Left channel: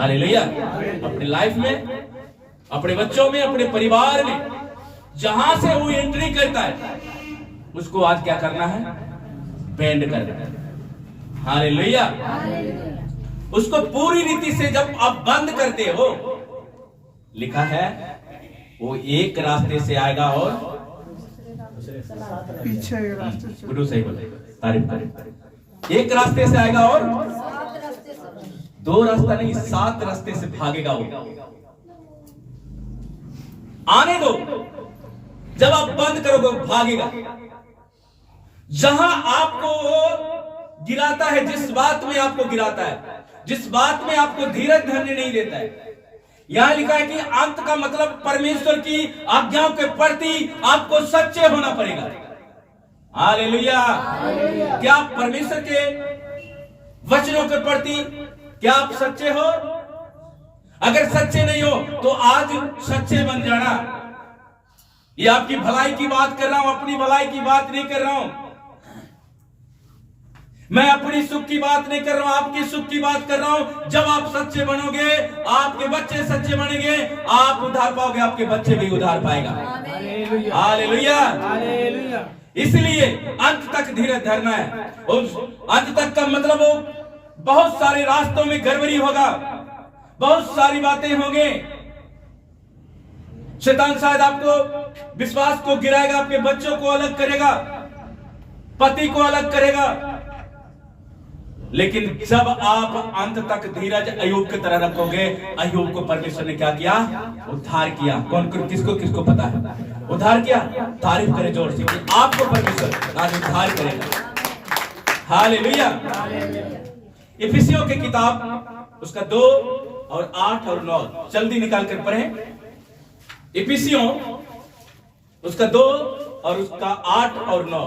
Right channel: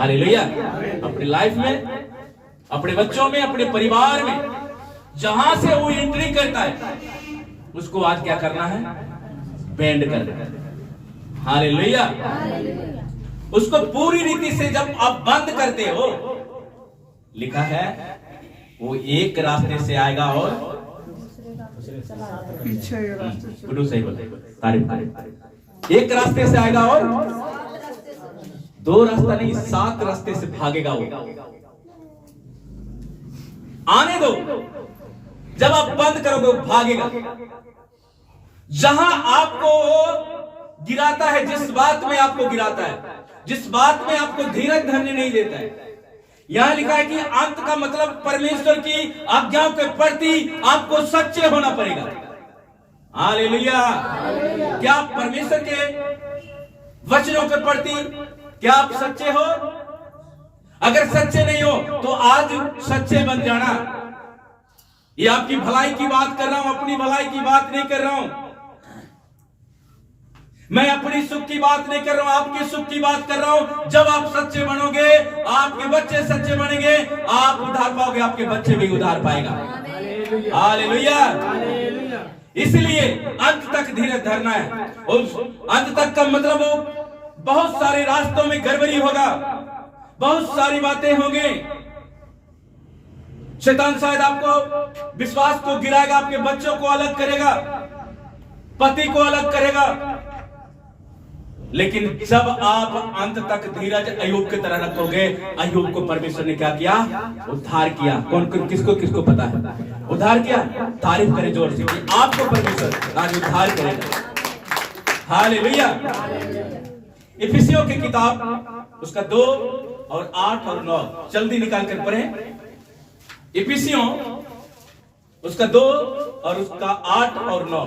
Hallelujah. अपने life में, अपने बच्चों में, अपने परिवार में, जहां से वो एंट्री करता है उसको आज क्या करना है? बेंड करना है। हालेलुया। उसको पूरी रीति से जब आप बंद करते हो, लिखा है वो एक रास्ते से आएगा और गुरु सही बोले, तारीफ। एक रास्ते से आएगा और 2 रास्ता नहीं, 7 रास्ते से भागेगा वो। आने दो, जब आप बंद करोगे भागेगा। जहां आपको गिराता है, जिस बात में आपको गिराता है, जिस बात में आपको धीरज धरने नहीं देता है, यहां लिखा है कि अंत का मतलब परमेश्वर की आज्ञाओं के प्रति आपको सच्चे होना पड़ेगा। हालेलुया। क्या आप परमेश्वर के वचनों के प्रति क्या आप सच्चे हो? अगर सच्चे नहीं हो तो आज सच्चे बन जाना। ये आपकी भलाई की बात कर रहा हूं, अपनी भलाई की बात नहीं कर रहा हूं। मैं अपनी सुख की बात नहीं कर रहा हूं, आपकी सुख की बात कर रहा हूं। जब आप सच्चे बनोगे, आपके बच्चे सच्चे बनेंगे, आप उद्धार पाओगे, आपके बच्चे भी उद्धार पाएगा। हालेलुया। इसलिए अंत तक धीरज धरना है। उस अंत तक का मतलब बहुत सारे रास्तों में गड़बड़ी होगा, बहुत सारी बातें होंगी। शैतान शायद आपको विश्वास को गिराएगा, आपके बच्चों को अलग करेगा, पति को अलग करेगा। लेकिन जब आप अंत तक धीरज अय्यूब की तरह रखोगे, अय्यूब को परमेश्वर ने क्या किया? उद्धार किया। कौन किसको किसको पता है? उद्धार किया। तारीफ करें जोर से, आपको परमेश्वर आज उद्धार करेगा। हालेलुया। इफिसियों की किताब उसका 2 और 8 और 9 जल्दी निकाल कर पढ़ें। इफिसियों उसका 2 और उसका 8 और 9,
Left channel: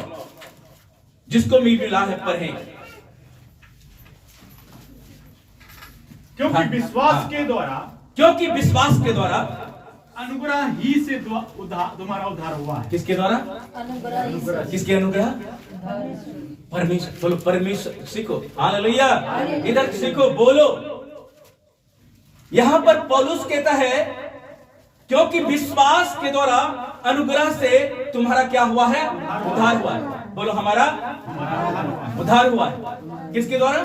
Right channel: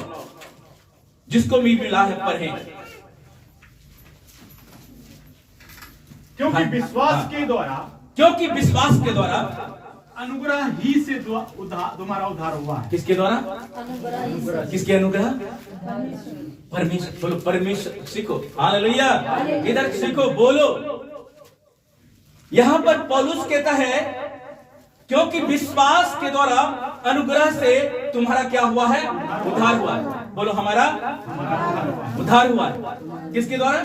जिसको भी मिला है पढ़ें। क्योंकि विश्वास के द्वारा, क्योंकि विश्वास के द्वारा अनुग्रह ही से तुम्हारा उद्धार हुआ है। किसके द्वारा? किसके अनुग्रह? परमेश्वर। बोलो परमेश्वर। सीखो। हालेलुया। इधर सीखो, बोलो। यहां पर पौलुस कहता है क्योंकि विश्वास के द्वारा अनुग्रह से तुम्हारा क्या हुआ है? उद्धार हुआ है। बोलो हमारा उद्धार हुआ है। किसके द्वारा?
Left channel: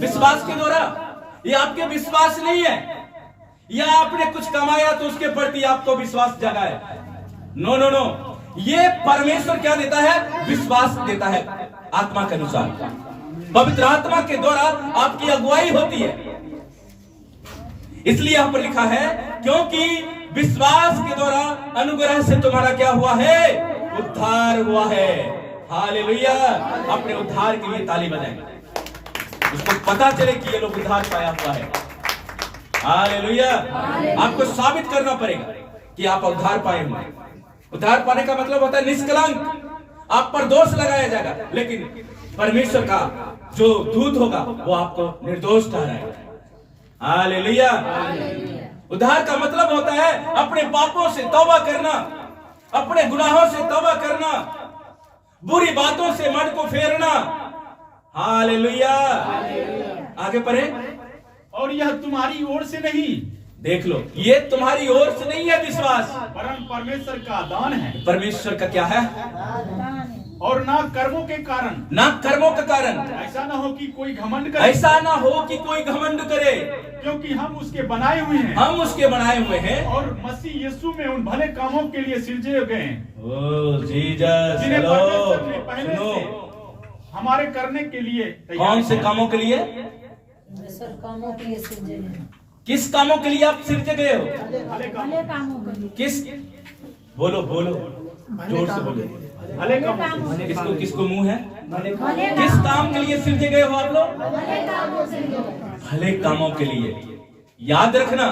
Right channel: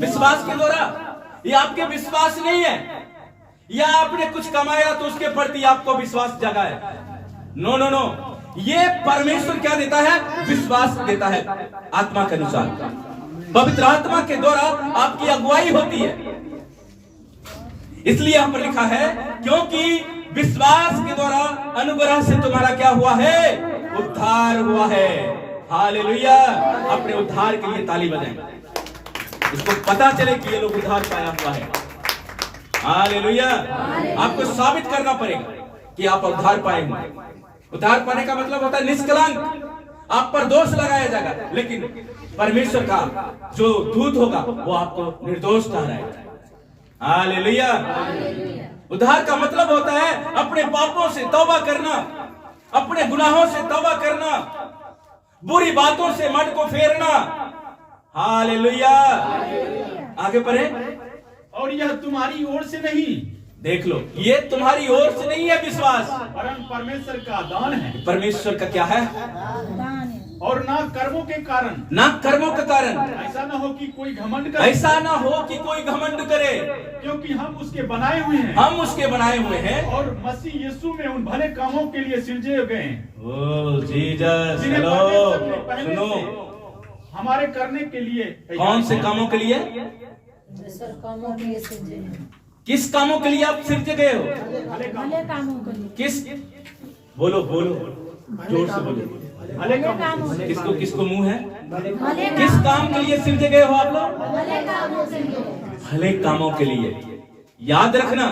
विश्वास के द्वारा। ये आपके विश्वास नहीं है, या आपने कुछ कमाया तो उसके प्रति आपको विश्वास जगा है। नो नो नो, ये परमेश्वर क्या देता है? विश्वास देता है आत्मा के अनुसार। पवित्र आत्मा के द्वारा आपकी अगुवाई होती है। इसलिए यहां पर लिखा है क्योंकि विश्वास के द्वारा अनुग्रह से तुम्हारा क्या हुआ है? उद्धार हुआ है। हालेलुया। अपने उद्धार के लिए ताली बजाएं, उसको पता चले कि ये लोग उद्धार पाया हुआ है। हालेलुया। आपको साबित करना पड़ेगा कि आप उद्धार पाए हुए। उद्धार पाने का मतलब होता है निष्कलंक। आप पर दोष लगाया जाएगा, लेकिन परमेश्वर का जो दूत होगा वो आपको निर्दोष ठहराएगा। हालेलुया। उद्धार का मतलब होता है अपने पापों से तौबा करना, अपने गुनाहों से तौबा करना, बुरी बातों से मन को फेरना। हालेलुया। आगे पढ़े। और यह तुम्हारी ओर से नहीं, देख लो, ये तुम्हारी ओर से नहीं है विश्वास, परम परमेश्वर का दान है। परमेश्वर का क्या है? और ना कर्मों के कारण, ना कर्मों के कारण। ऐसा ना हो कि कोई घमंड करे, ऐसा ना हो कि कोई घमंड करे, क्योंकि हम उसके बनाए हुए हैं। हम उसके बनाए हुए हैं और मसीह यीशु में उन भले कामों के लिए सिरजे गए हैं। ओ जीसस। जिन्हें हेलो, परमेश्वर ने पहले सुनो। से हमारे करने के लिए कौन से कामों के लिए? कामों के लिए सिरजे हैं। किस कामों के लिए आप सिरजे गए हो? भले कामों के लिए। किस? बोलो बोलो, जोर से बोलो। भले कामों से। किसको किसको मुंह है? भले किस काम के लिए सिरजे गए हो आप लोग? भले कामों से। भले कामों के लिए। याद रखना,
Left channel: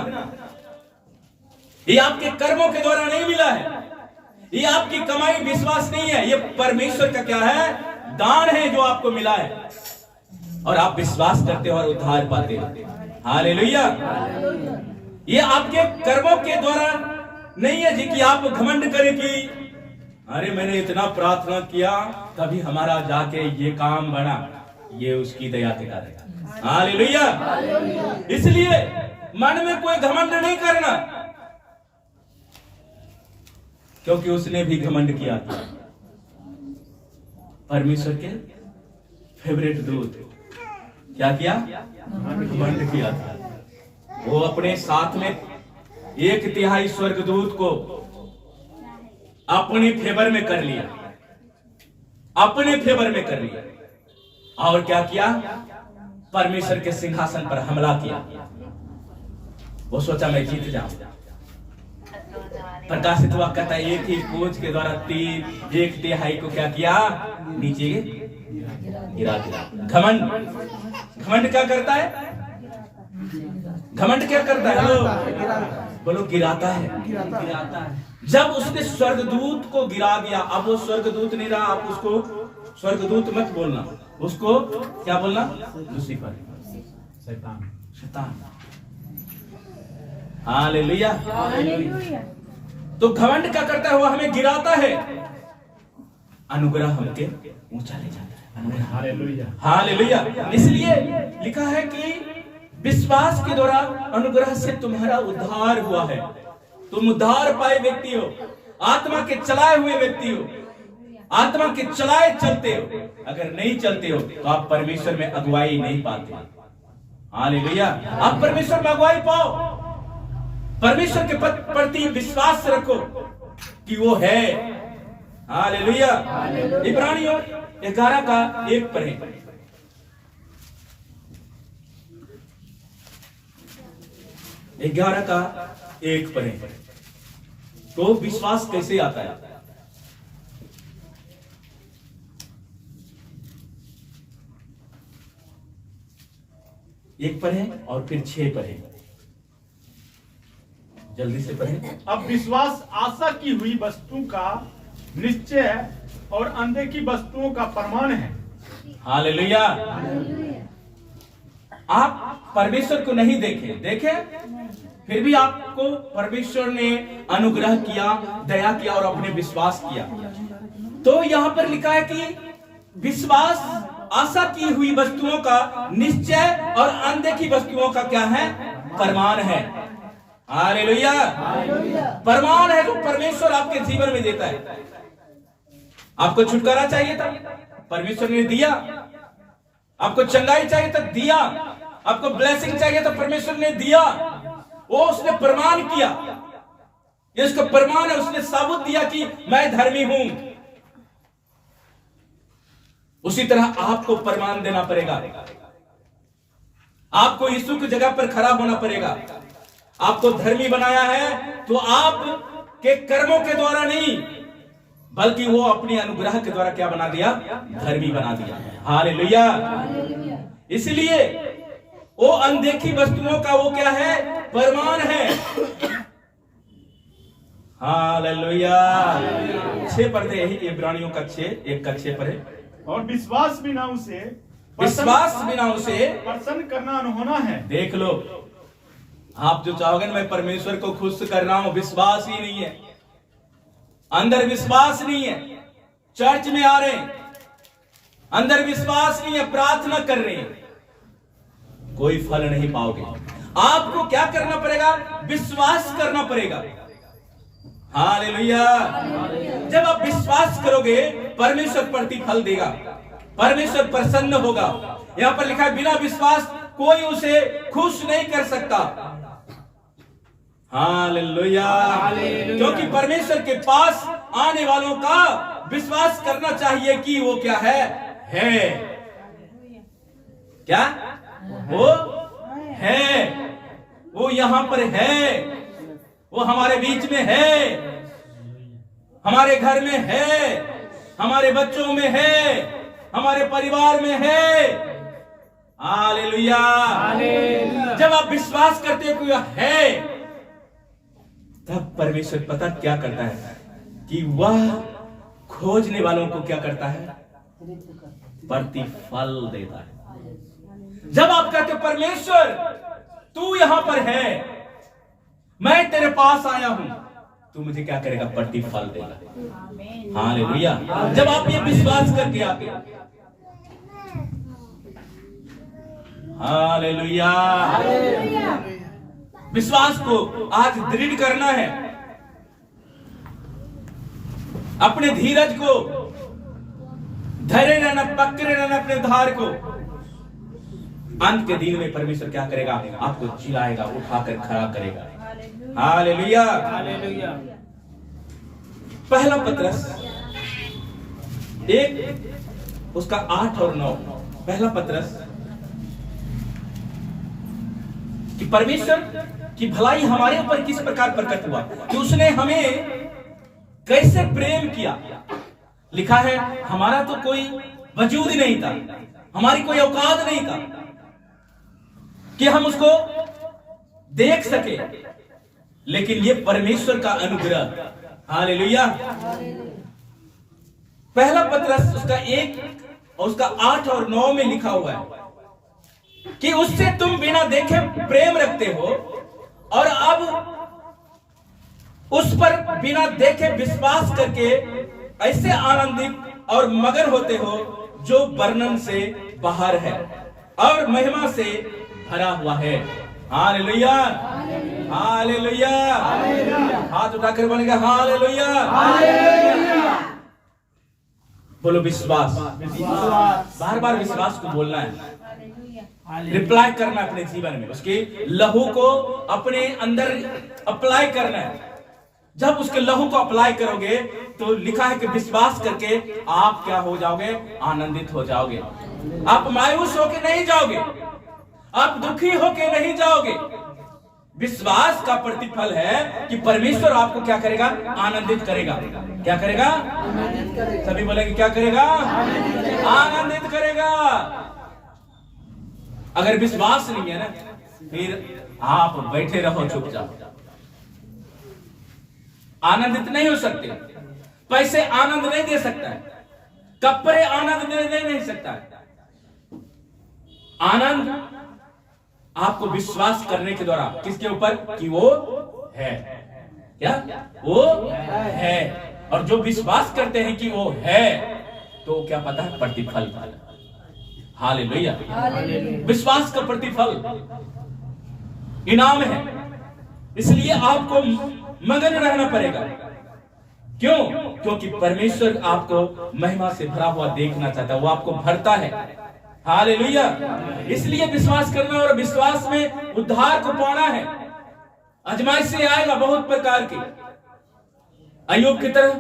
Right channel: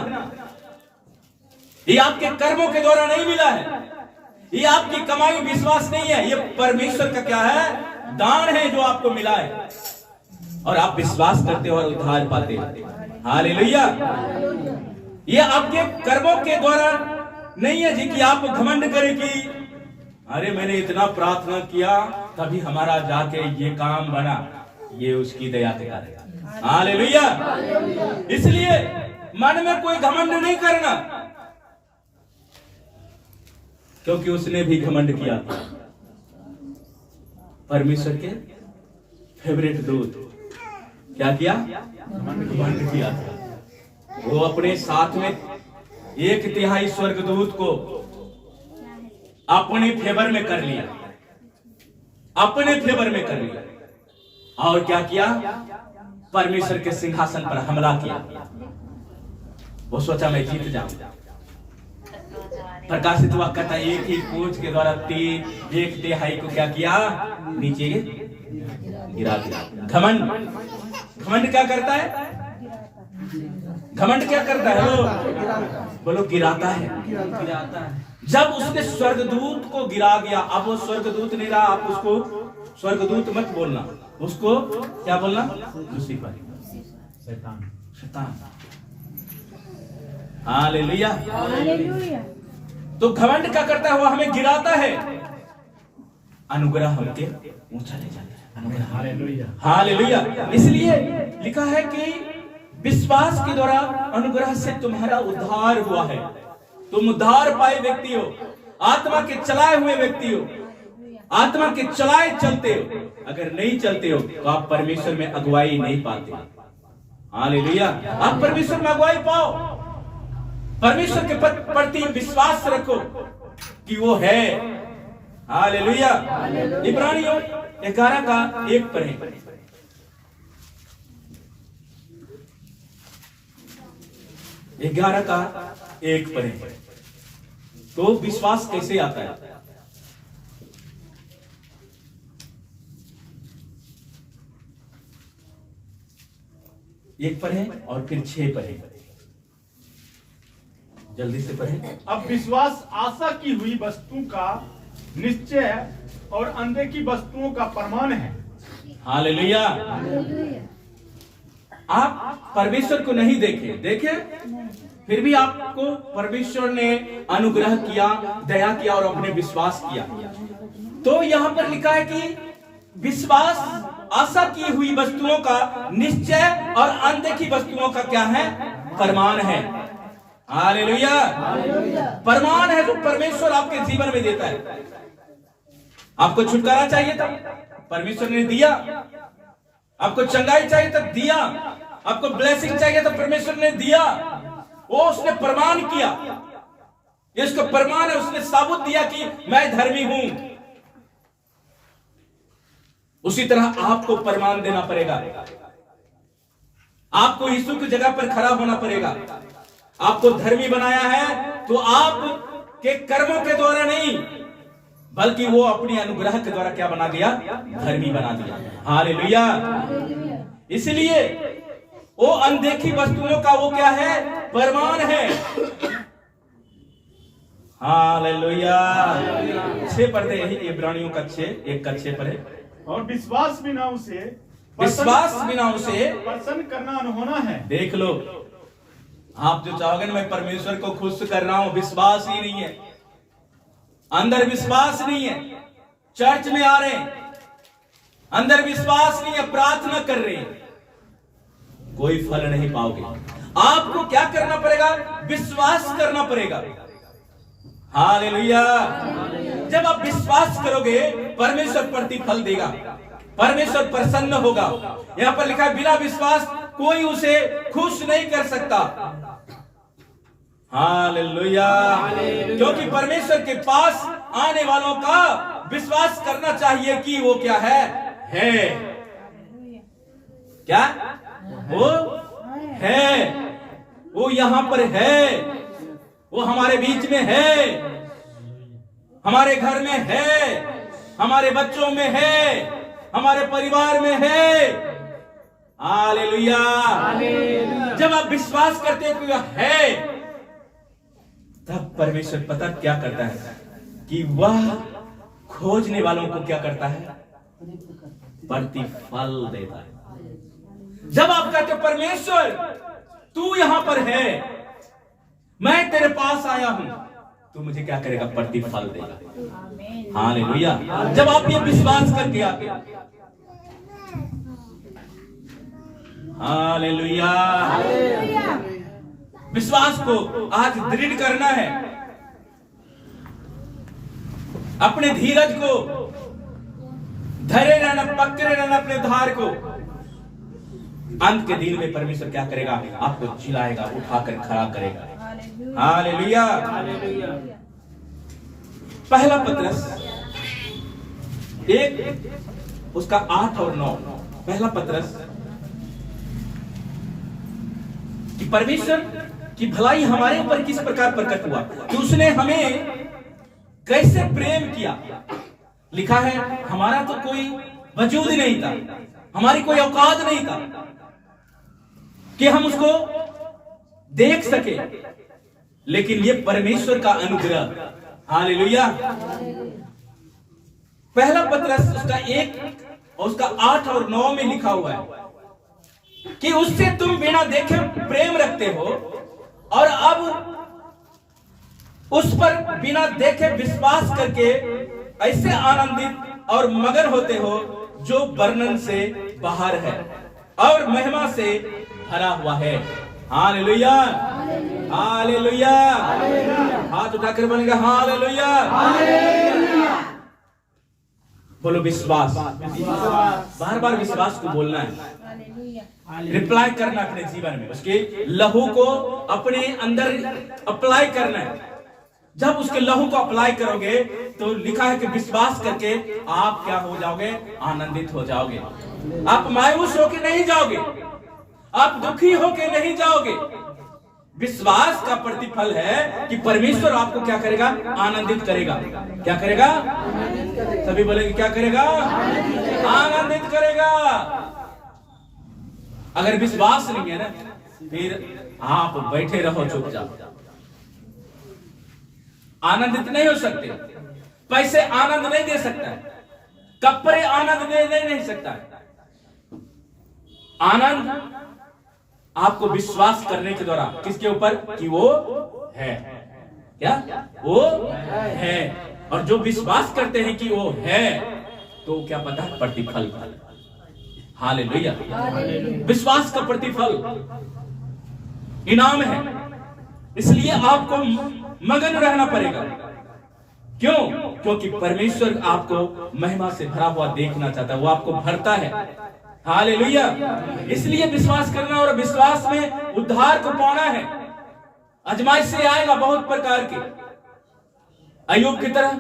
ये आपके कर्मों के द्वारा नहीं मिला है, ये आपकी कमाई विश्वास नहीं है, ये परमेश्वर का क्या है? दान है जो आपको मिला है, और आप विश्वास करते हो और उद्धार पाते हो। हालेलुया। ये आपके कर्मों के द्वारा नहीं है जी कि आप घमंड करें कि अरे मैंने इतना प्रार्थना किया तभी हमारा जाके ये काम बना। ये उसकी दया से करेगा। हालेलुया। इसलिए मन में कोई घमंड नहीं करना, क्योंकि उसने भी घमंड किया था। परमेश्वर के फेवरेट दूत क्या किया? घमंड किया था। वो अपने साथ में 1/3 स्वर्गदूत को अपने फेवर में कर लिया, अपने फेवर में कर लिया। और क्या किया? परमेश्वर के सिंहासन पर हमला किया। वो सोचा मैं जीत जाऊं। प्रकाशित हुआ कहता है एक ही कोच के द्वारा 1/3 को क्या किया? नीचे गिरा दिया। घमंड क्या करता है? घमंड क्या करता है? हेलो बोलो, गिराता है। गिराता है। जब उसने स्वर्गदूत को गिरा दिया, अब वो स्वर्गदूत नहीं रहा, आप उसको स्वर्गदूत मत बोलना, उसको क्या बोलना? लूसीफर, शैतान। हालेलुया। हालेलुया। तो घमंड क्या करता है? वो हमें गिराता है, अनुग्रह हमके ऊंचा ले जाता है। अनुग्रह। हालेलुया। हालेलुया। इसलिए लिखा है कि विश्वास के द्वारा अनुग्रह से तुम्हारा उद्धार हुआ है। तुम उद्धार पाए व्यक्ति हो, आत्मा के चलाए हुए व्यक्ति हो, आत्मा के चलाए चलते हो। अगर नहीं चलते हो तो आप परमेश्वर में अगुवाई नहीं पाते। हालेलुया। आप परमेश्वर में अगुवाई पाओ, परमेश्वर के प्रति विश्वास रखो कि वो है। हालेलुया। इब्रानियों 11 का 1 पढ़ें। 11 का 1 पढ़ें। तो विश्वास कैसे आता है? एक पढ़ें और फिर 6 पढ़ें। जल्दी से पढ़ें। अब विश्वास आशा की हुई वस्तु का निश्चय है और अनदेखी वस्तुओं का प्रमाण है। हालेलुया। आप परमेश्वर को नहीं देखे, फिर भी आपको परमेश्वर ने अनुग्रह किया, दया किया और अपने विश्वास किया। तो यहां पर लिखा है कि विश्वास आशा की हुई वस्तुओं का निश्चय और अनदेखी वस्तुओं का क्या है? प्रमाण है। हालेलुया। प्रमाण है जो परमेश्वर आपके जीवन में देता है। आपको छुटकारा चाहिए था, परमेश्वर ने दिया। आपको चंगाई चाहिए था, दिया। आपको ब्लेसिंग चाहिए था, परमेश्वर ने दिया। वो उसने प्रमाण किया, ये उसका प्रमाण है। उसने साबुत दिया कि मैं धर्मी हूं। उसी तरह आपको प्रमाण देना पड़ेगा। आपको यीशु की जगह पर खड़ा होना पड़ेगा। आपको धर्मी बनाया है तो आप के कर्मों के द्वारा नहीं, बल्कि वो अपनी अनुग्रह के द्वारा क्या बना दिया? धर्मी बना दिया। हालेलुया। इसलिए वो अनदेखी वस्तुओं का वो क्या है? प्रमाण है। हालेलुया। 6 पढ़ते यही इब्रानियों का 6, 1 का 6 पढ़े। और विश्वास बिना उसे प्रसन्न करना अनहोना है। देख लो, आप जो चाहोगे ना मैं परमेश्वर को खुश कर रहा हूं, विश्वास ही नहीं है, अंदर विश्वास नहीं है। चर्च में आ रहे हैं, अंदर विश्वास नहीं है, प्रार्थना कर रहे हैं, कोई फल नहीं पाओगे। आपको क्या करना पड़ेगा? विश्वास करना पड़ेगा। हालेलुया। जब आप विश्वास करोगे परमेश्वर प्रतिफल देगा, परमेश्वर प्रसन्न होगा। यहां पर लिखा है बिना विश्वास कोई उसे खुश नहीं कर सकता। हालेलुया। क्योंकि परमेश्वर के पास आने वालों का विश्वास करना चाहिए कि वो क्या है? क्या? वो है, वो यहां पर है, वो हमारे बीच में है, हमारे घर में है, हमारे बच्चों में है, हमारे परिवार में है। हालेलुया। जब आप विश्वास करते हो कि वह है, तब परमेश्वर पता क्या करता है कि वह खोजने वालों को क्या करता है? प्रतिफल देता है। जब आप कहते हो परमेश्वर तू यहां पर है, मैं तेरे पास आया हूं, तू मुझे क्या करेगा? प्रतिफल देगा। हालेलुया। जब आप ये विश्वास करके आते हो, हालेलुया। विश्वास को आज दृढ़ करना है, अपने धीरज को धैर्य रहना, पकड़े रहना अपने उद्धार को। अंत के दिन में परमेश्वर क्या करेगा? आपको जिलाएगा, उठाकर खड़ा करेगा। हालेलुया। पहला पत्रस 1 उसका 8 और 9। पहला पत्रस कि परमेश्वर की भलाई हमारे ऊपर किस प्रकार प्रकट हुआ, कि उसने हमें कैसे प्रेम किया। लिखा है हमारा तो कोई वजूद ही नहीं था, हमारी कोई औकात नहीं था कि हम उसको देख सके, लेकिन ये परमेश्वर का अनुग्रह। हालेलुया। पहला पत्रस उसका 1 और उसका 8 और 9 में लिखा हुआ है कि उससे तुम बिना देखे प्रेम रखते हो और अब उस पर बिना देखे विश्वास करके ऐसे आनंदित और मगन होते हो जो वर्णन से बाहर है और महिमा से भरा हुआ है। Hallelujah, hallelujah. हाथ उठाकर बोलेंगे हालेलुया। बोलो विश्वास। बार बार विश्वास को बोलना है, रिप्लाई करना है अपने जीवन में, उसके लहू को अपने अंदर अप्लाई करना है। जब उसके लहू को अप्लाई करोगे तो लिखा है कि विश्वास करके आप क्या हो जाओगे? आनंदित हो जाओगे। आप मायूस होके नहीं जाओगे, आप दुखी होके नहीं जाओगे। विश्वास का प्रतिफल है कि परमेश्वर आपको क्या करेगा? आनंदित करेगा। क्या करेगा? सभी बोलेंगे क्या करेगा? आनंदित करेगा। अगर विश्वास नहीं है ना, फिर आप बैठे रहो चुपचाप, आनंदित नहीं हो सकते। पैसे आनंद नहीं दे सकता है, कपड़े आनंद दे नहीं सकता है। आनंद आपको विश्वास करने के द्वारा किसके ऊपर? कि वो है। क्या? वो है। और जो विश्वास करते हैं कि वो है, तो क्या पता है? प्रतिफल। हालेलुया। विश्वास का प्रतिफल इनाम है। इसलिए आपको मगन रहना पड़ेगा। क्यों? क्योंकि परमेश्वर आपको महिमा से भरा हुआ देखना चाहता है, वो आपको भरता है। हालेलुया। इसलिए विश्वास करना, और विश्वास में उद्धार को पाना है। अजमाइश से आएगा बहुत प्रकार की, अय्यूब की तरह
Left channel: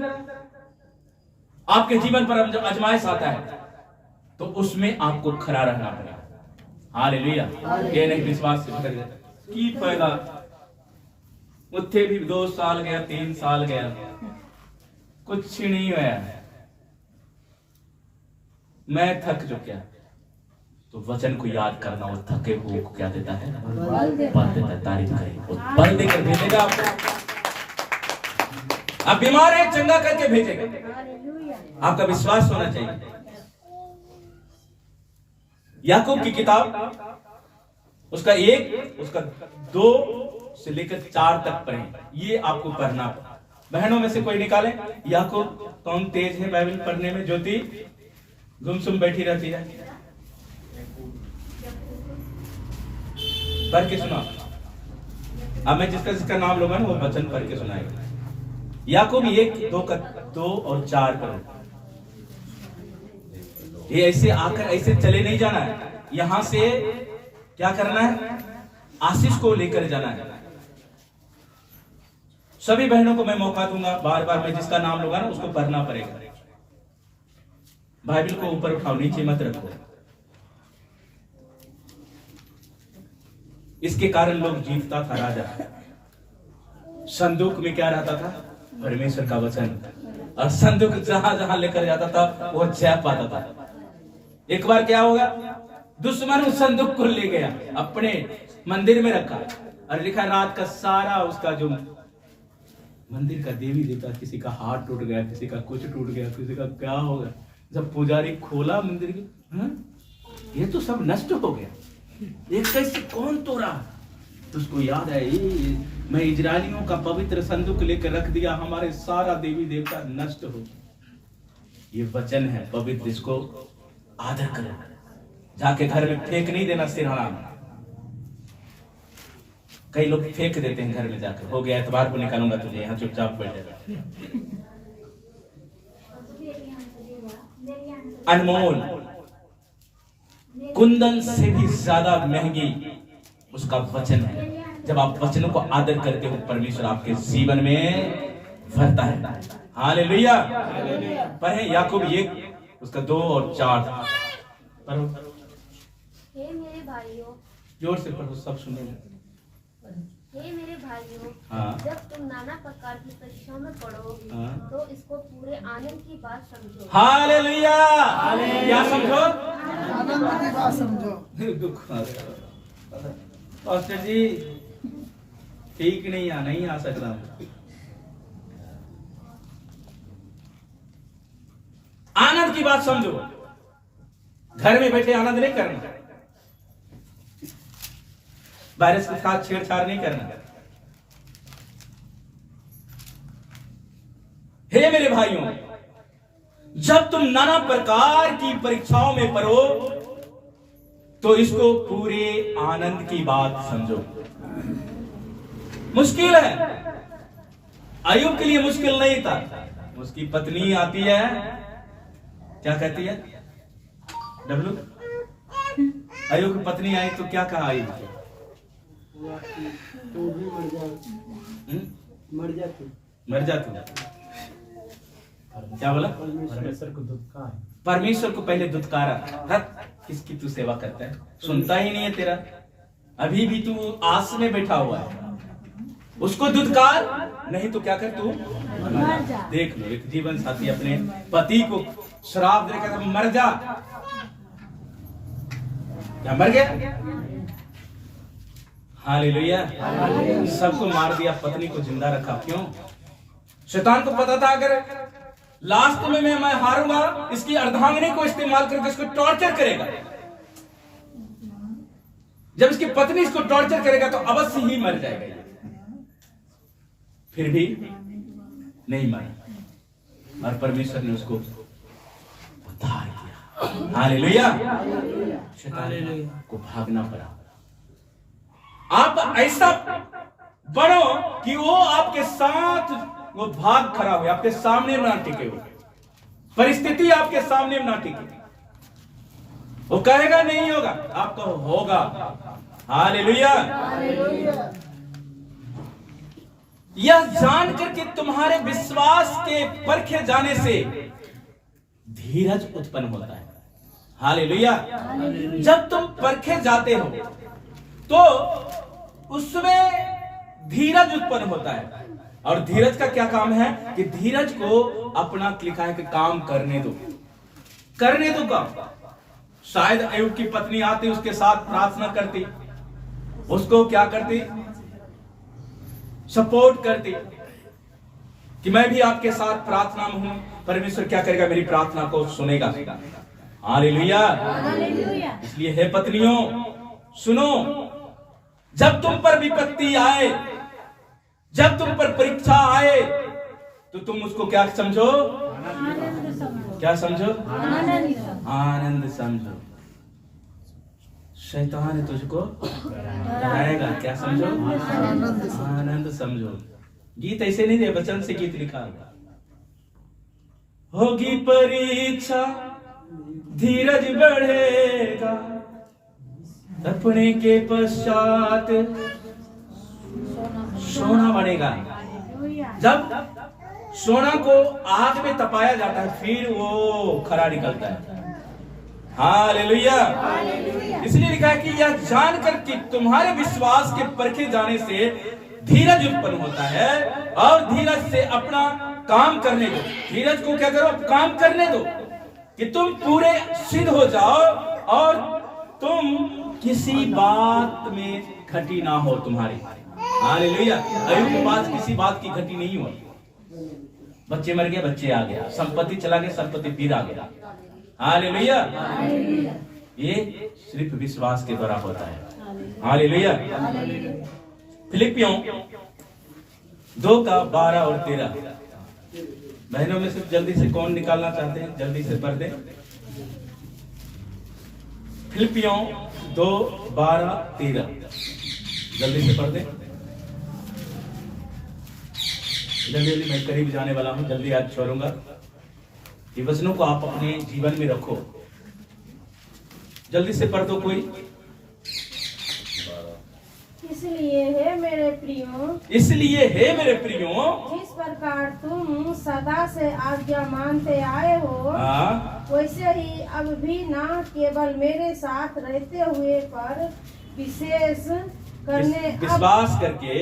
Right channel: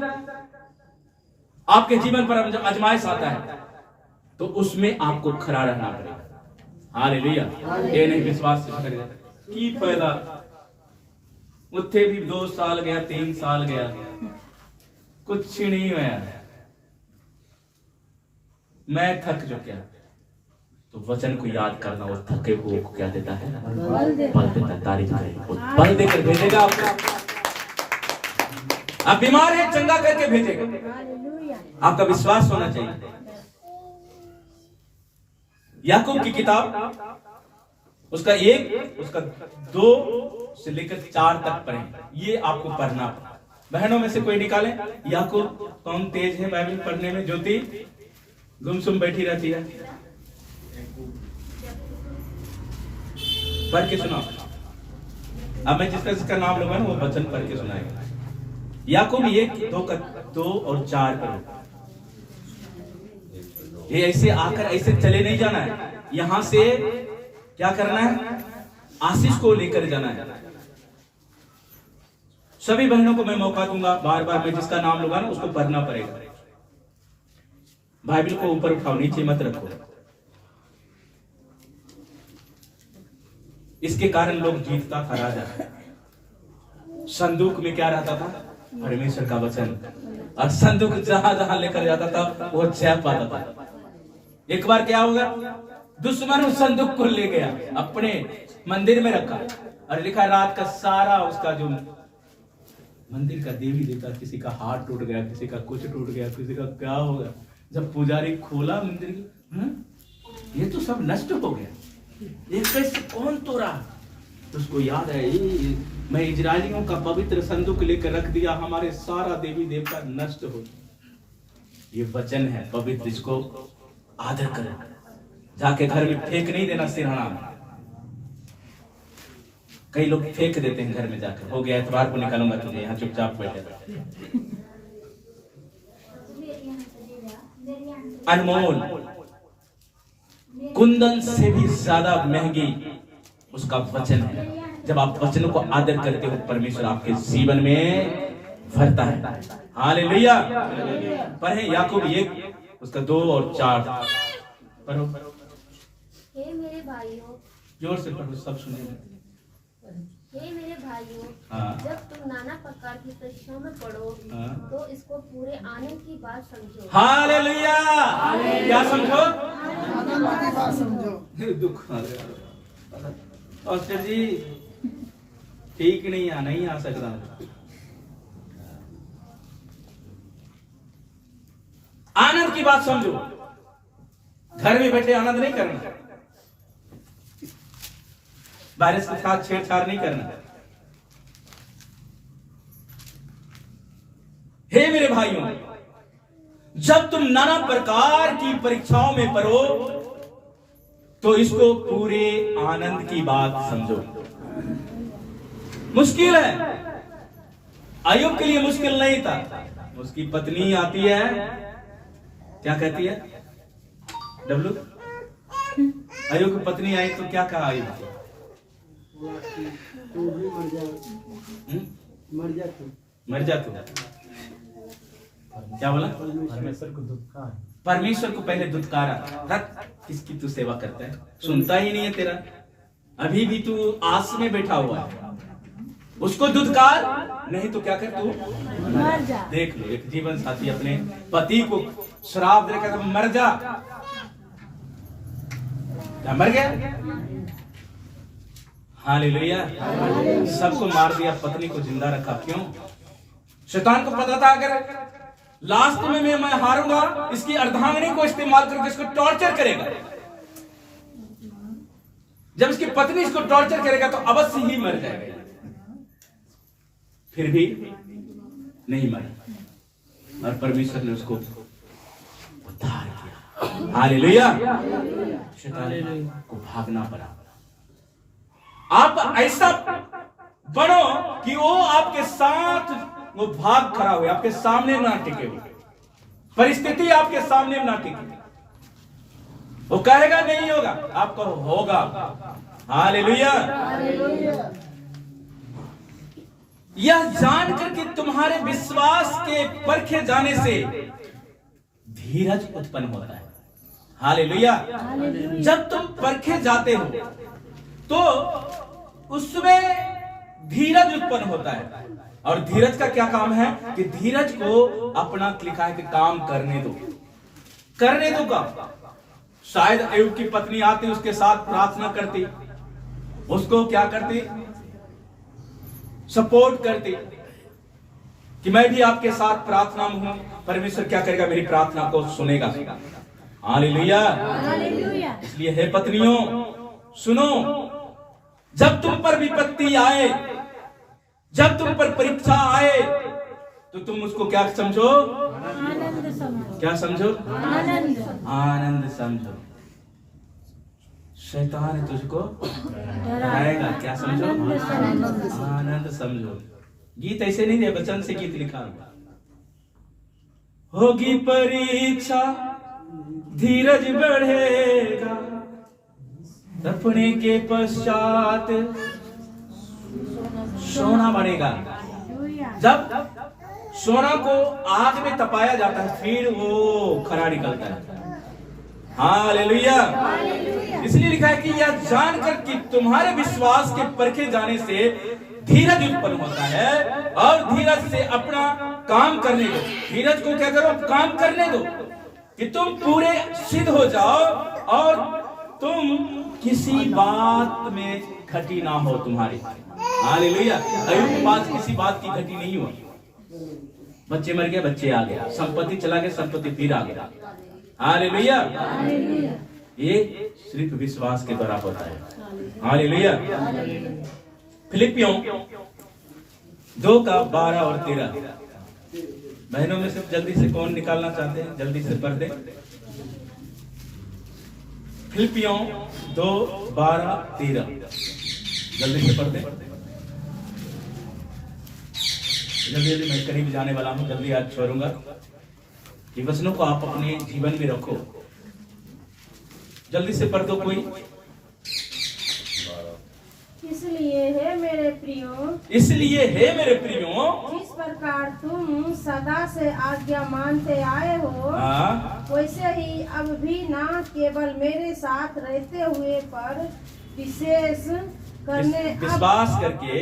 आपके जीवन पर अजमाइश आता है, तो उसमें आपको खड़ा रहना पड़ेगा। हालेलुया। ये नहीं विश्वास से भटक जाता की फायदा, उत्थे भी 2 साल गया, 3 साल गया, कुछ नहीं हुआ, मैं थक चुका। तो वचन को याद करना, और थके हुए को क्या देता है? बल देता है। तारीफ करेगा, बल देकर भेजेगा आपको। आप बीमार है, चंगा करके भेजेगा। आपका विश्वास होना चाहिए। याकूब की किताब उसका 1 उसका 2 से लेकर 4 तक पढ़ें। ये आपको पढ़ना। बहनों में से कोई निकाले याकूब। कौन तेज है बाइबल पढ़ने में? ज्योति गुमसुम बैठी रहती है, पढ़ के सुना। अब मैं जिसका नाम लूंगा ना, वो वचन पढ़ के सुनाएगा। याकूब 1, 2 और 4 पर। ये ऐसे आकर ऐसे चले नहीं जाना है, यहां से क्या करना है? आशीष को लेकर जाना है। सभी बहनों को मैं मौका दूंगा, बार बार मैं जिसका नाम लूंगा ना, उसको पढ़ना पड़ेगा। बाइबल को ऊपर उठाओ, नीचे मत रखो। इसके कारण लोग जीतता था राजा। संदूक में क्या रहता था? परमेश्वर का वचन। और संदूक जहां जहां लेकर जाता था, वो जय पाता था। एक बार क्या होगा? दुश्मन उस संदूक को ले गया, अपने मंदिर में रखा, और लिखा रात का सारा उसका जो मंदिर का देवी देवता, किसी का हाथ टूट गया, किसी का कुछ टूट गया, किसी का क्या हो गया। जब पुजारी खोला मंदिर की, ये तो सब नष्ट हो गया, ये कैसे कौन तोड़ा? तो उसको याद है, मैं इजरायलियों का पवित्र संदूक लेकर रख दिया, हमारे सारा देवी देवता नष्ट हो। ये वचन है पवित्र, इसको आदर करो। जाके घर में फेंक नहीं देना सिरहाना। कई लोग फेंक देते हैं घर में जाकर, हो गया एतवार को निकालूंगा तुझे, यहाँ चुपचाप बैठे रहो। अनमोल कुंदन से भी ज्यादा महंगी उसका वचन है। जब आप वचनों को आदर करते हो, परमेश्वर आपके जीवन में भरता है। हालेलुया। पढ़े याकूब 1 उसका 2 और 4 पढ़ो। हे मेरे भाइयों, जोर से पढ़ो, सब सुनेंगे। हे मेरे भाइयों, हाँ। जब तुम नाना प्रकार की परीक्षाओं में पड़ोगे, हाँ। तो इसको पूरे आनंद की बात समझो। हालेलुया। क्या समझो? दुख आ गया पास्टर जी, ठीक नहीं आ सकता। आनंद की बात समझो। घर में बैठे आनंद नहीं करना, वायरस के साथ छेड़छाड़ नहीं करना। हे मेरे भाइयों, जब तुम नाना प्रकार की परीक्षाओं में पड़ो तो इसको पूरे आनंद की बात समझो। मुश्किल है, अय्यूब के लिए मुश्किल नहीं था। उसकी पत्नी आती है, क्या कहती है डब्लू? अय्यूब की पत्नी आई तो क्या कहा अय्यूब को? मर जा तू। क्या बोला? परमेश्वर को पहले दुत्कारा। किसकी तू सेवा करता है, सुनता ही नहीं है तेरा, अभी भी तू आस में बैठा हुआ है। उसको दुत्कार, नहीं तो क्या कर तू मर जा। देख लो, एक जीवन साथी अपने पति को श्राप दे कहता मर जा। क्या मर गया? हालेलुया। सबको मार दिया, पत्नी को जिंदा रखा। क्यों? शैतान को पता था अगर लास्ट में मैं हारूंगा, इसकी अर्धांगिनी को इस्तेमाल करके इसको टॉर्चर करेगा। जब इसकी पत्नी इसको टॉर्चर करेगा तो अवश्य ही मर जाएगा। फिर भी नहीं मरा और परमेश्वर ने उसको उद्धार किया। हालेलुया। शैतान को भागना पड़ा। आप ऐसा बनो कि वो आपके साथ वो भाग खड़ा हुए, आपके सामने ना टिके हुए, परिस्थिति आपके सामने ना टिके। वो कहेगा नहीं होगा, आपको होगा। हालेलुया। यह जानकर कि तुम्हारे विश्वास के परखे जाने से धीरज उत्पन्न होता है। हालेलुया। जब तुम परखे जाते हो तो उसमें धीरज उत्पन्न होता है। और धीरज का क्या काम है कि धीरज को अपना लिखा है कि काम करने दो काम। शायद अय्यूब की पत्नी आती, उसके साथ प्रार्थना करती, उसको क्या करती? सपोर्ट करती कि मैं भी आपके साथ प्रार्थना में हूं, परमेश्वर क्या करेगा, मेरी प्रार्थना को सुनेगा। हालेलुया। इसलिए हे पत्नियों सुनो, जब तुम पर विपत्ति आए, जब तुम पर परीक्षा आए तो तुम उसको क्या समझो? क्या समझो? आनंद समझो। शैतान तुझको डराएगा, क्या समझो? आनंद समझो। गीत ऐसे नहीं है, वचन से गीत लिखा हुआ। होगी परीक्षा, धीरज बढ़ेगा, तपने के पश्चात सोना बनेगा। जब सोना को आग में तपाया जाता है फिर वो खरा निकलता है। हालेलुया। इसलिए लिखा है कि यह जानकर कि तुम्हारे विश्वास के परखे जाने से धीरज उत्पन्न होता है, और धीरज से अपना काम करने दो। धीरज को क्या करो? काम करने दो कि तुम पूरे सिद्ध हो जाओ और तुम किसी बात में घटी ना हो तुम्हारी। हालेलुया। अय्यूब के पास किसी बात की घटी नहीं हुई। बच्चे मर गए, बच्चे आ गया, संपत्ति चला गया, संपत्ति फिर आ गया। हालेलुया। ये सिर्फ विश्वास के द्वारा होता है। हालेलुया। फिलिपियों 2:12 और 13। बहनों में सिर्फ जल्दी से कौन निकालना चाहते हैं? जल्दी से पढ़ दें। फिलिपियों 2:12-13। जल्दी से पढ़ दे। जल्दी जल्दी, मैं करीब जाने वाला हूं, जल्दी आज छोड़ूंगा। ये वचनों को आप अपने जीवन में रखो। जल्दी से पढ़ दो कोई। इसलिए है मेरे प्रियो, इसलिए हे मेरे प्रियो, जिस प्रकार तुम सदा से आज्ञा मानते आए हो, वैसे ही अब भी न केवल मेरे साथ रहते हुए पर विश्वास करके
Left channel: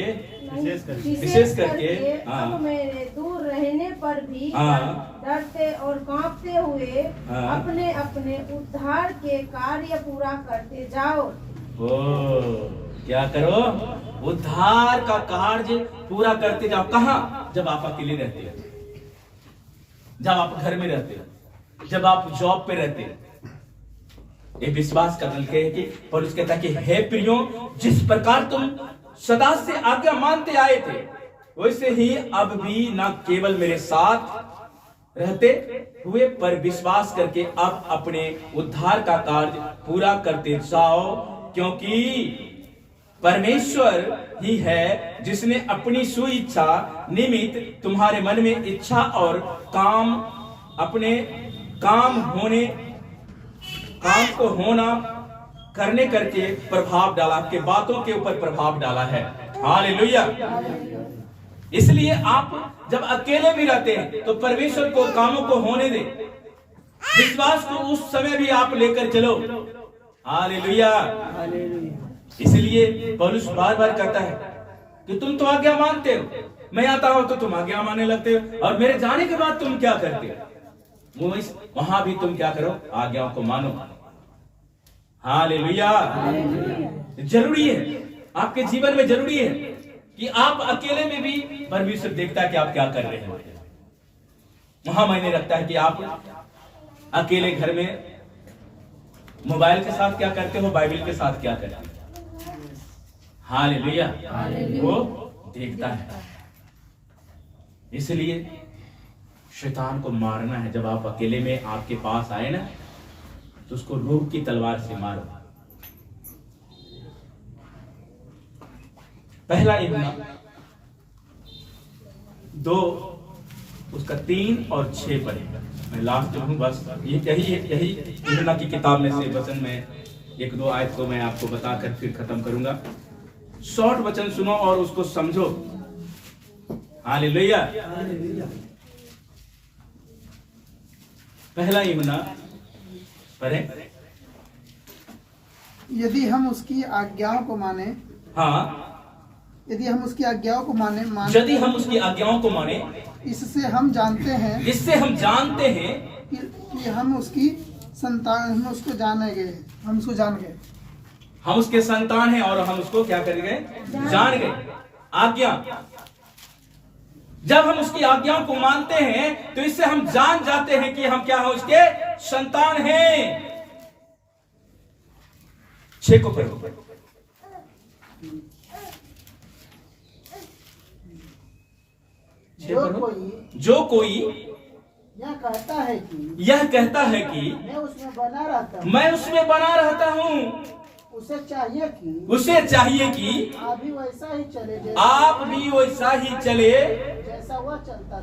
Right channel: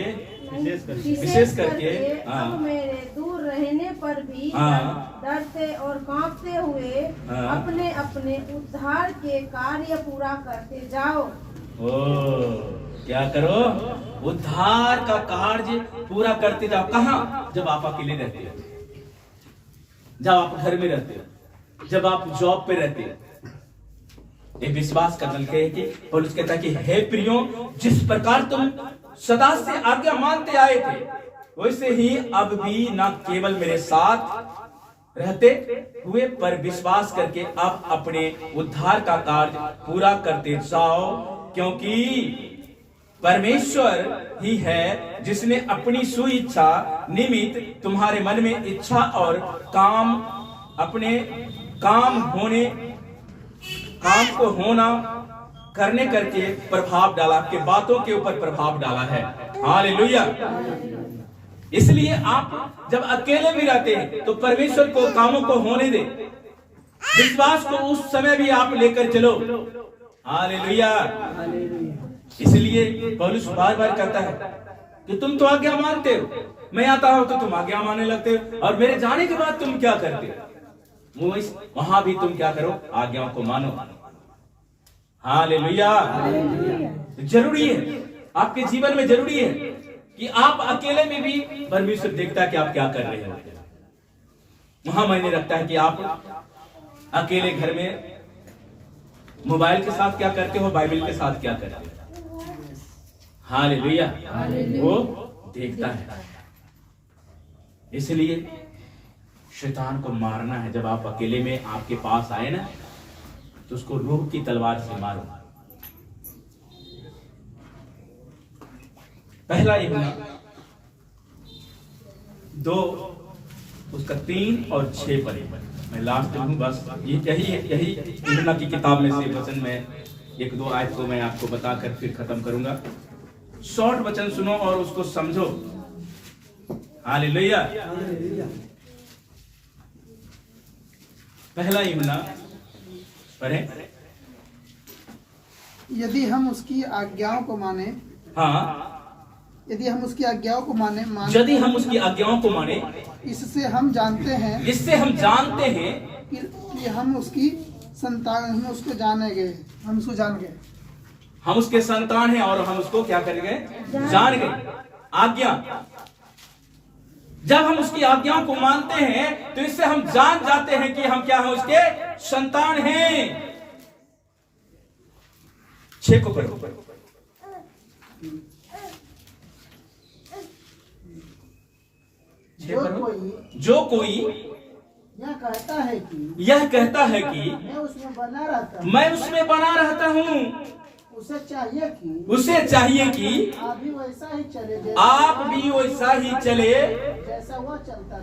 विशेष करके अब मेरे दूर रहने पर भी डरते और कांपते हुए अपने अपने उद्धार के कार्य पूरा करते जाओ। क्या करो? उद्धार का कार्य पूरा करते जाओ। कहाँ? जब आप अकेले रहते हो, जब आप घर में रहते हो, जब आप जॉब पे रहते हो। ये विश्वास का दल है कि पौलुस कहता है कि हे प्रियो, जिस प्रकार तुम सदा से आज्ञा मानते आए थे, वैसे ही अब भी न केवल मेरे साथ रहते हुए पर विश्वास करके अब अपने उद्धार का कार्य पूरा करते जाओ, क्योंकि परमेश्वर ही है जिसने अपनी सुइच्छा निमित्त तुम्हारे मन में इच्छा और काम को होना करने करके प्रभाव डाला, आपके बातों के ऊपर प्रभाव डाला है। हालेलुया। इसलिए आप जब अकेले भी रहते हैं तो परमेश्वर को कामों को होने दे, विश्वास को उस समय भी आप लेकर चलो। हालेलुया। इसलिए पौलुस बार बार कहता है कि तुम तो आज्ञा मानते हो, मैं आता हूं तो तुम आज्ञा मानने लगते हो, और मेरे जाने के बाद तुम क्या करते हो? वहां भी तुम क्या करो? आज्ञाओं को मानो। हालेलुया। जरूरी है, आपके जीवन में जरूरी है कि आप अकेले में भी परमेश्वर देखता है कि आप क्या कर रहे हो। वहां मायने रखता है कि आप अकेले घर में मोबाइल के साथ क्या करते हो, बाइबल के साथ क्या करते हो। हालेलुया। वो देखता है। इसलिए शैतान को मारना है। जब आप अकेले में आपके पास आए ना, तो उसको रूह की तलवार से मारो। पहला यूहन्ना 2 उसका 3 और 6 पढ़े। मैं लास्ट हूं, बस यही यूहन्ना की किताब में से वचन में 1-2 आयत को मैं आपको बताकर फिर खत्म करूंगा। शॉर्ट वचन सुनो और उसको समझो। हालेलुया। पहला यूहन्ना पढ़े। यदि हम उसकी आज्ञाओं को माने, यदि हम उसकी आज्ञाओं को माने, यदि हम उसकी आज्ञाओं को माने, इससे हम जानते हैं कि हम उसकी संतान, हम उसको जान गए, हम उसके संतान हैं और हम उसको क्या कर गए? जान गए। आज्ञा, जब हम उसकी आज्ञाओं को मानते हैं तो इससे हम जान जाते हैं कि हम क्या हैं? उसके संतान हैं। 6 को पढ़ो। जो कोई यह कहता है कि मैं उसमें बना रहता हूँ, उसे चाहिए कि आप भी वैसा ही चले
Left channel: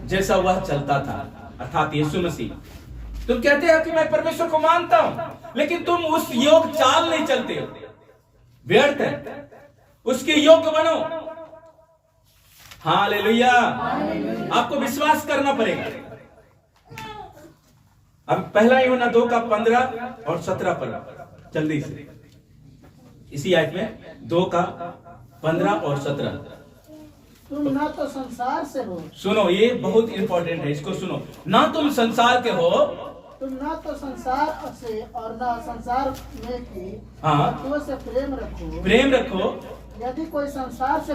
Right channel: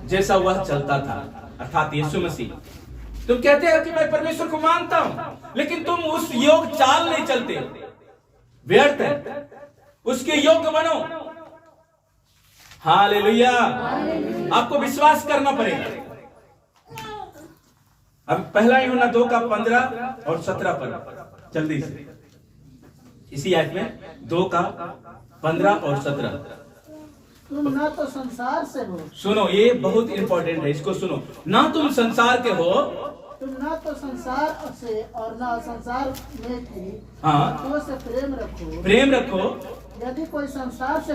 जैसा वह चलता था, अर्थात यीशु मसीह। तुम कहते हो कि मैं परमेश्वर को मानता हूं, लेकिन तुम उस योग चाल नहीं चलते हो, व्यर्थ है। उसके योग्य बनो। हालेलुया। आपको विश्वास करना पड़ेगा। अब पहला यूहन्ना 2 का 15 और 17 पर जल्दी से, इसी आयत में 2 का 15 और 17। तुम ना तो संसार से हो। सुनो, ये बहुत इंपॉर्टेंट है, इसको सुनो। ना तुम संसार के हो, तुम ना तो संसार से और ना संसार में की वस्तुओं से प्रेम रखो। यदि कोई संसार से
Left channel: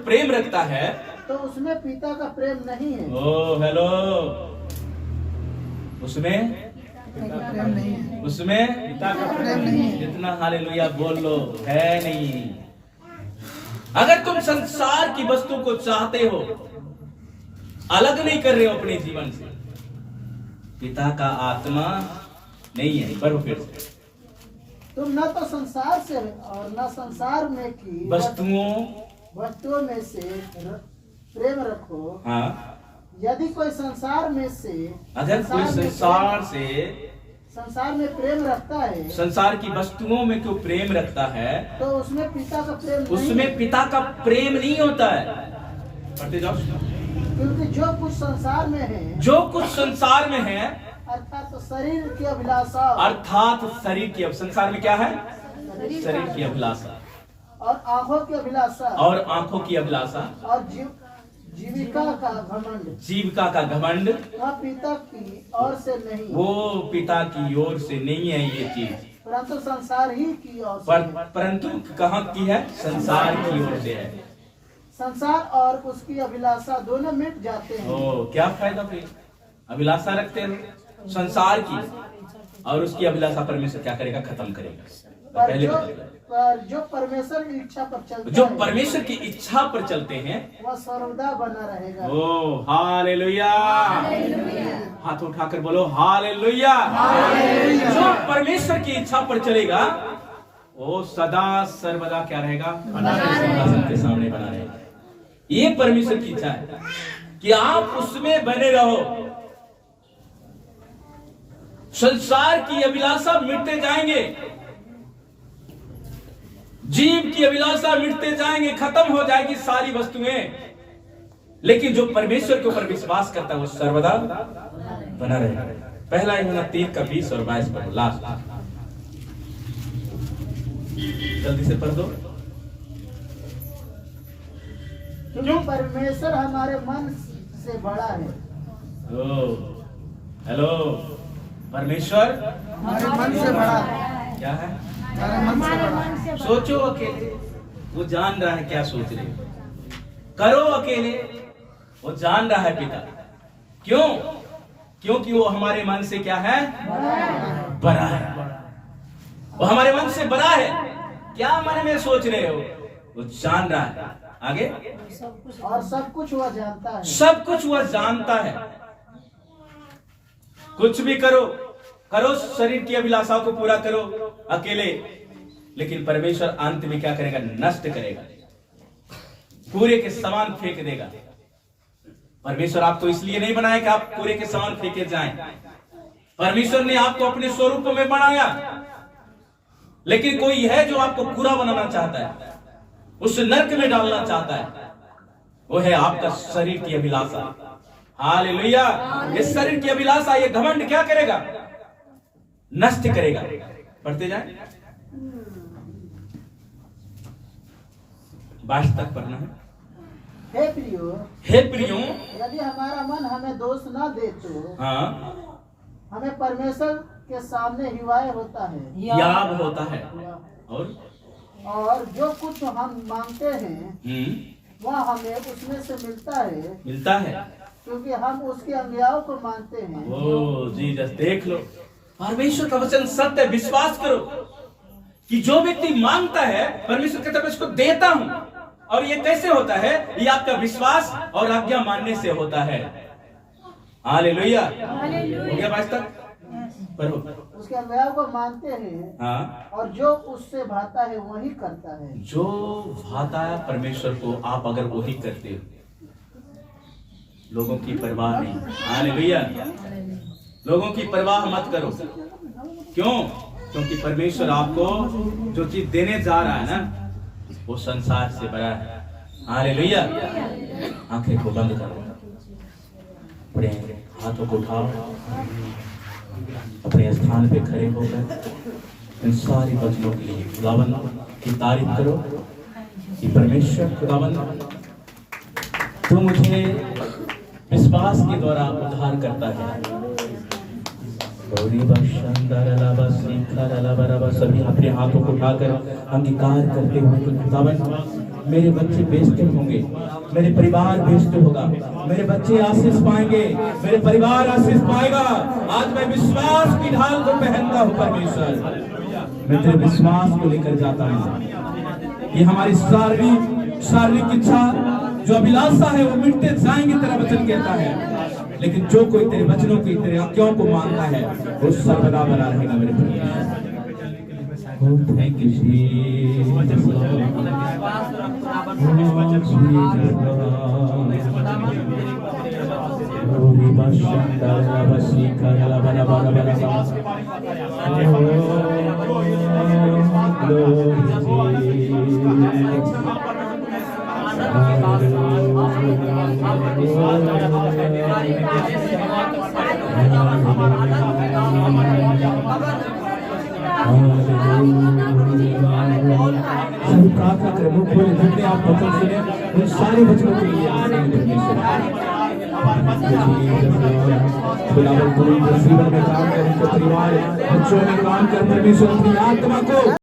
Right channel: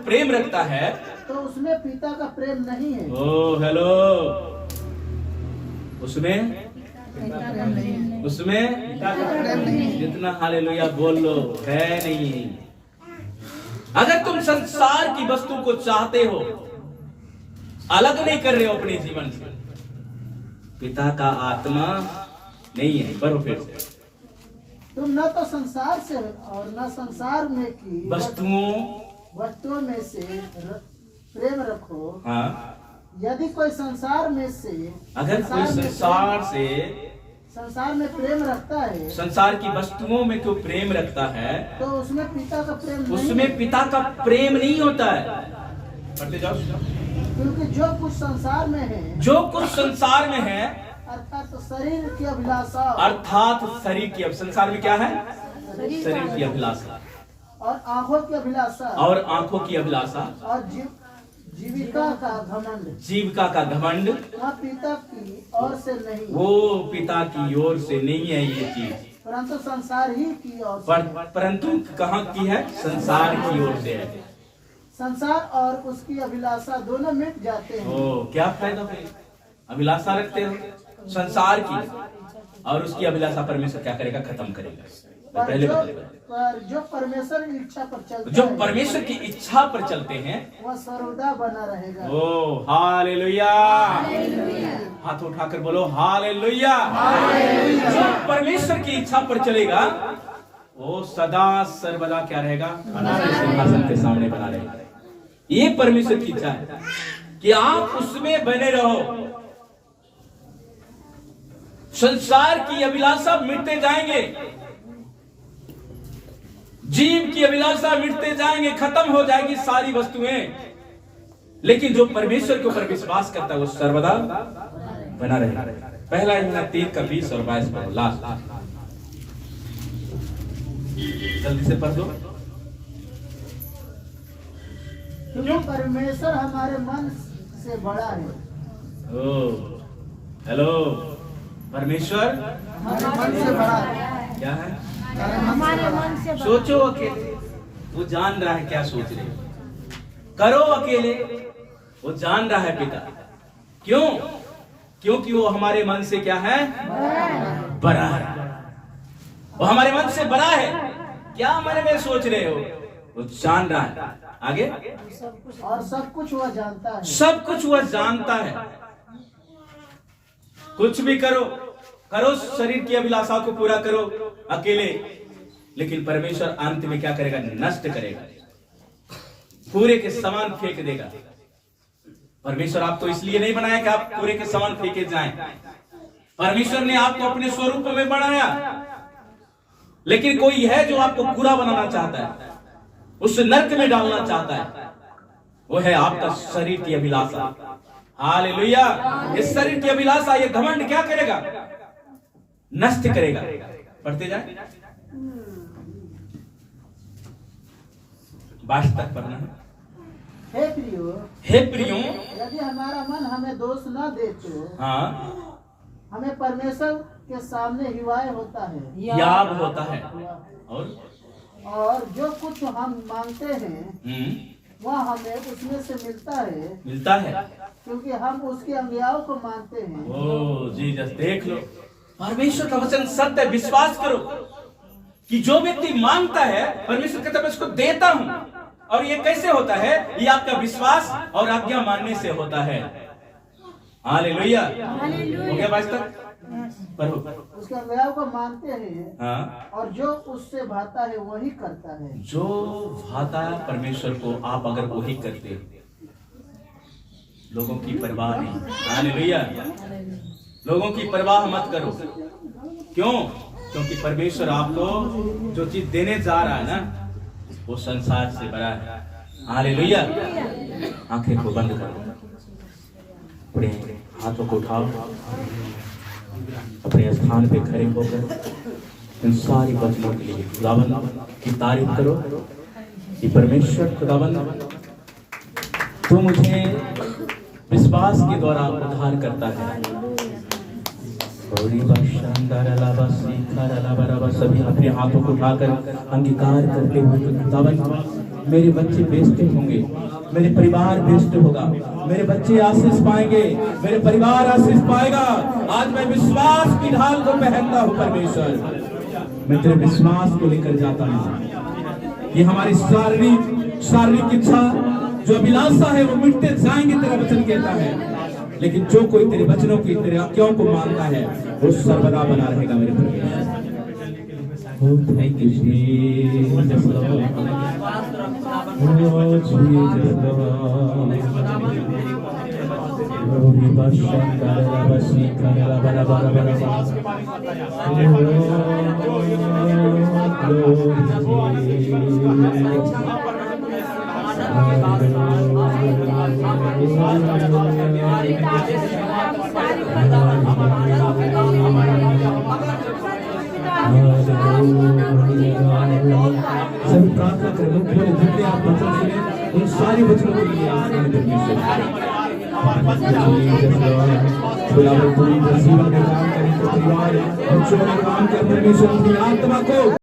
प्रेम रखता है, तो उसमें पिता का प्रेम नहीं है। ओ हेलो, उसमें जितना हालेलुया बोल लो है नहीं। अगर तुम संसार की वस्तु को चाहते हो, अलग नहीं कर रहे हो अपने जीवन से, पिता का आत्मा नहीं है। बरो फिर से, तुम न तो संसार से और न संसार में की वस्तुओं में से प्रेम रखो। हाँ, यदि कोई संसार में से अगर कोई संसार में प्रेम रखता है, संसार की वस्तुओं में कोई प्रेम रखता है, तो उसमें पिता का प्रेम नहीं, उसमें पिता का प्रेम नहीं होता है। पढ़ते जाओ। क्योंकि जो कुछ संसार में है, जो कुछ संसार में है, अर्थात तो शरीर की अभिलाषा, अर्थात शरीर की, अब संसार में क्या है? शरीर की अभिलाषा और आंखों की अभिलाषा, और आंखों की अभिलाषा, और जीविका का घमंड, जीविका का घमंड, वह पिता की ओर से नहीं, वो पिता की ओर से नहीं है ये चीज, परंतु संसार ही की ओर से है। परंतु कहाँ की है? संसार की ओर से है। संसार और उसकी अभिलाषा दोनों मिट जाते हैं। ओ, क्या फायदा फिर? अभिलाषा रखते हो संसार की, और उसकी अभिलाषा परमेश्वर क्या करेगा? खत्म करेगा। पहले जो परमेश्वर की इच्छा पर चलते जो परमेश्वर की इच्छा पर चलते हैं, वह सर्वदा बना रहेगा। ओ हालेलुया, हाथ उठाकर बोलो हालेलुया। जो परमेश्वर की इच्छा पर चलेगा वो सदा सर्वदा क्या रहेगा? सिंहासन के सामने बना रहेगा। ये परमेश्वर की इच्छा है कि आप उसमें बने रहो। संसार की अभिलाषा मिटते जाएंगे, जीव की अभिलाषा मिटते जाएंगे, खत्म हो जाएगी सारी वस्तुएं, लेकिन जो परमेश्वर के ऊपर विश्वास करता है वो सर्वदा बना रहेगा। पहला यूहन्ना 3 का 20 और 22 पढ़ो, लास्ट जल्दी से पढ़ दो। क्योंकि परमेश्वर हमारे मन से बड़ा है। ओ हेलो, परमेश्वर हमारे मन से बड़ा है। क्या है? हमारे मन से सोचो अकेले, वो जान रहा है क्या सोच रहे हो। करो अकेले, वो जान रहा है पिता। क्यों? क्योंकि वो हमारे मन से क्या है? बड़ा है। वो हमारे मन से बड़ा है। क्या मन में सोच रहे हो वो जान रहा है। आगे, और सब कुछ वह जानता है। सब कुछ वह जानता है। कुछ भी करो, करो शरीर की अभिलाषा को पूरा करो अकेले, लेकिन परमेश्वर अंत में क्या करेगा? नष्ट करेगा, पूरे के समान फेंक देगा। परमेश्वर आपको इसलिए नहीं बनाया कि आप पूरे के समान फेंके जाएं। परमेश्वर ने आपको अपने स्वरूप में बनाया, लेकिन कोई है जो आपको बुरा बनाना चाहता है, उस नरक में डालना चाहता है। वो है आपका शरीर की अभिलाषा। हालेलुया। इस शरीर की अभिलाषा, ये घमंड क्या करेगा? नष्ट करेगा। पढ़ते जाए, 22 तक पढ़ना है। हे प्रियो, हे प्रियो, यदि हमारा मन हमें दोष न दे तो हाँ, हमें परमेश्वर के सामने हिवाय होता है, याब होता है। और जो कुछ हम मांगते हैं वह हमें उसमें से मिलता है, क्योंकि हम उसकी आज्ञाओं को मानते हैं। ओ जीसस, देख लो, परमेश्वर का वचन सत्य है। विश्वास करो कि जो व्यक्ति मांगता है, परमेश्वर कहता है मैं उसको देता हूं। और ये कैसे होता है? ये आपका विश्वास और आज्ञा मानने से होता है। हालेलुया। हो गया 22 तक? उसके आज्ञाओं को मानते हैं। हाँ, और जो उससे भाता है वही करता है। जो भाता है परमेश्वर को, आप अगर वही करते हो, लोगों की परवाह नहीं। हालेलुया। लोगों की परवाह मत करो। क्यों? क्योंकि परमेश्वर आपको जो चीज देने जा रहा है ना, वो संसार से बड़ा है। हालेलुया। आंखें को बंद करो, अपने हाथों को उठाओ, अपने स्थान पे खड़े होकर इन सारी बच्चों के लिए खुदावन की तारीफ करो कि परमेश्वर खुदावन, तू मुझे विश्वास के द्वारा उद्धार करता है। सभी अपने हाथों को उठाकर अंगीकार करते हुए कि खुदावन, मेरे बच्चे बेचते होंगे, मेरे परिवार बेचते होगा, मेरे बच्चे आशीष पाएंगे, मेरे परिवार आशीष पाएगा। आज मैं विश्वास की ढाल को पहनता हूँ परमेश्वर, मैं तेरे विश्वास को लेकर जाता हूँ। ये हमारी शारीरिक इच्छा जो अभिलाषा है वो मिटते जाएंगे, तेरा वचन कहता है। लेकिन जो कोई तेरे वचनों की, तेरे आज्ञाओं को मानता है, वो सर्वदा बना रहेगा मेरे परमेश्वर। Oh, thank you, Jesus, Lord. Oh, Jesus, Lord. Oh, Ribashandara, Rabasikara, Rabarabarabara. Oh, glory, सभी प्रार्थना करें लोग पूरे जितने आप वचन सुने उन सारे वचनों के लिए आपने परमेश्वर खुदावंद पूरी जीवन में काम करें तो परिवार बच्चों में काम कर परमेश्वर अपनी आत्मा को